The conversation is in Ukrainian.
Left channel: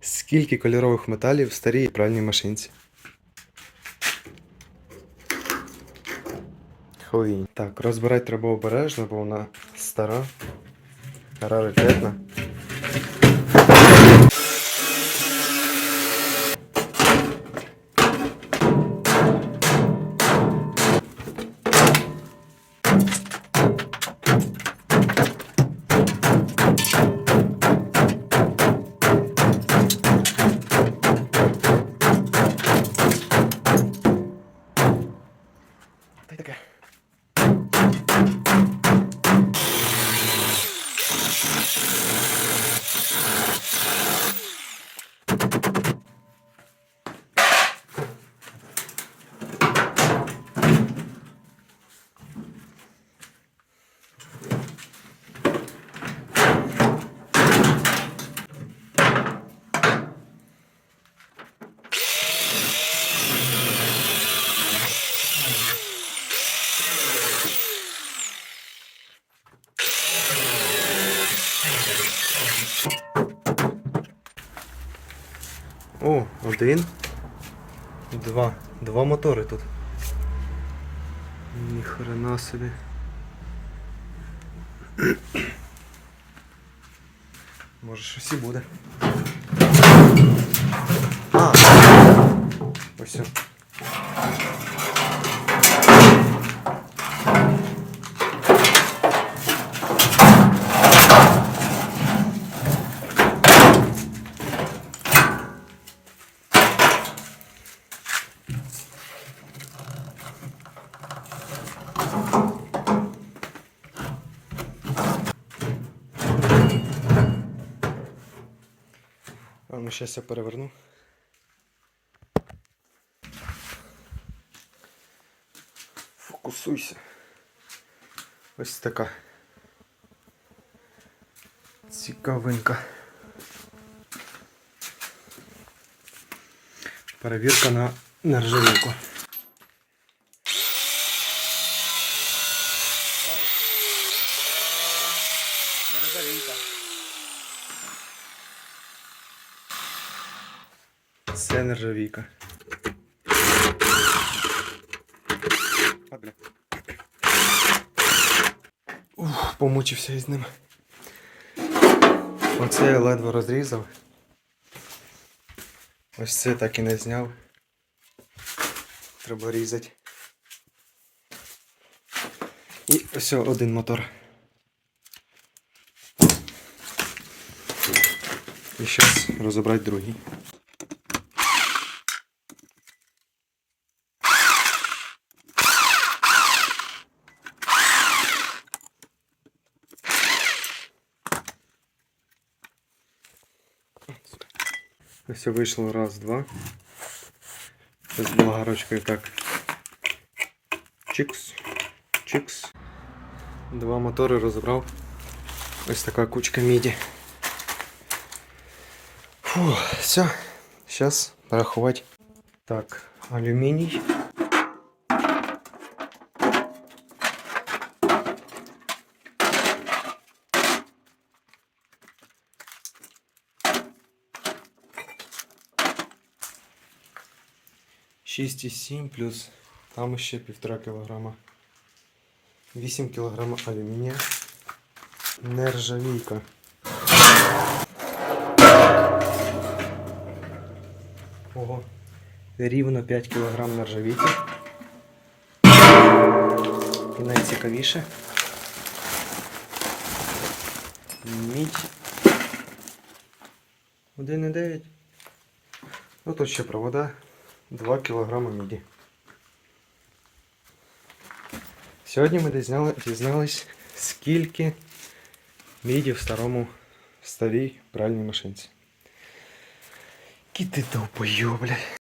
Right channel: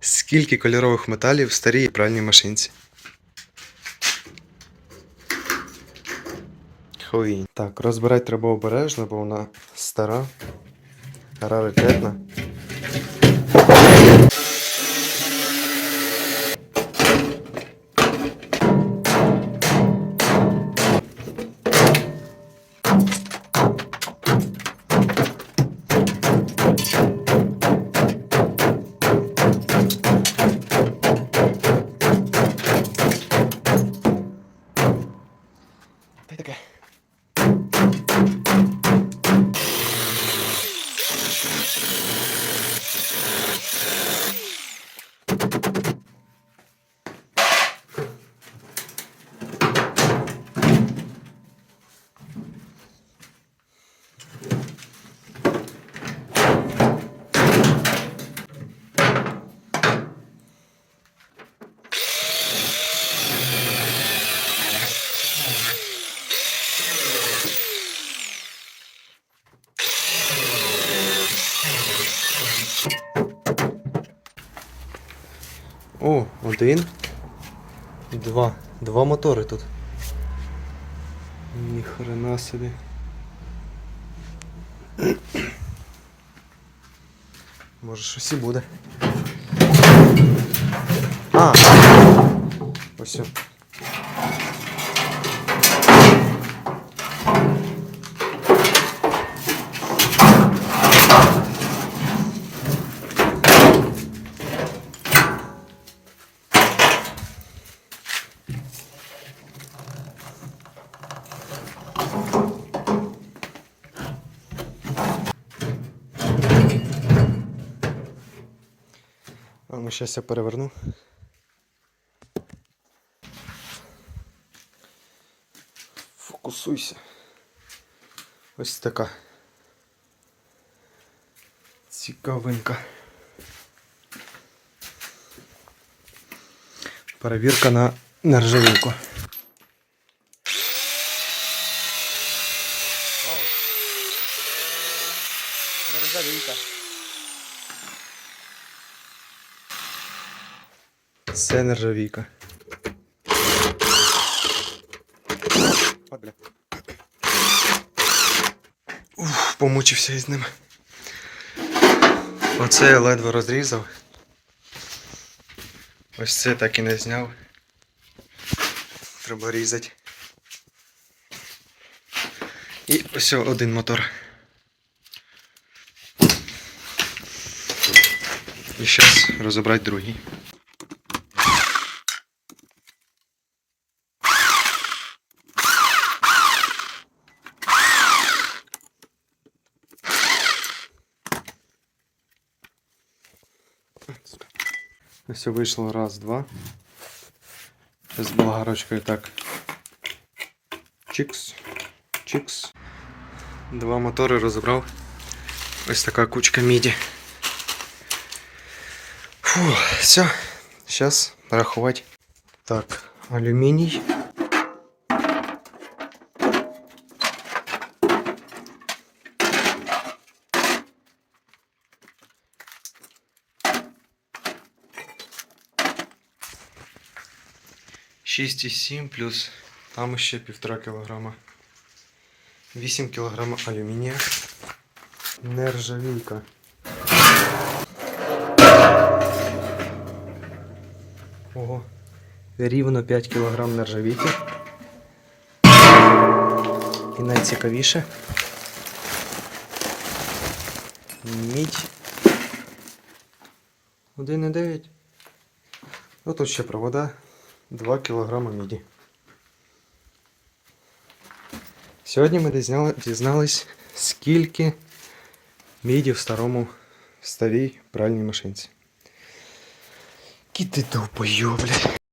Скільки кольорових металів в старій пральній машинці? Хуй. Так, розбирати треба обережно, бо вона стара, раритетна. О, один. Два. Два мотори тут. Ніхрена собі. Може щось і буде. А! Ось. А ну щас я переверну. Фокусуйся. Ось така. Цікавинка. Перевірка на нержавійку. Нержавійка. Це нержавійка. От. Ух, помучився із ними. Оце я ледве розрізав. Ось це так і не зняв. Треба різати. І ось один мотор. І зараз розібрати другий. Ось вийшло раз, два. З болгарочкою так. Чикс. Чикс. Два мотори розібрав. Ось така кучка міді. Фу, все. Зараз рахувати. Так, алюміній. Шість і сім плюс там ще півтора кілограма. 8 кілограма алюмінія. Нержавійка. Ого. Рівно 5 кілограм нержавійки. І найцікавіше. Мідь. 1,9. Ну тут ще провода. 2 кілограми міді. Сьогодні ми дізнались, скільки міді в старому старій пральній машинці. Кіти довбойо, блядь.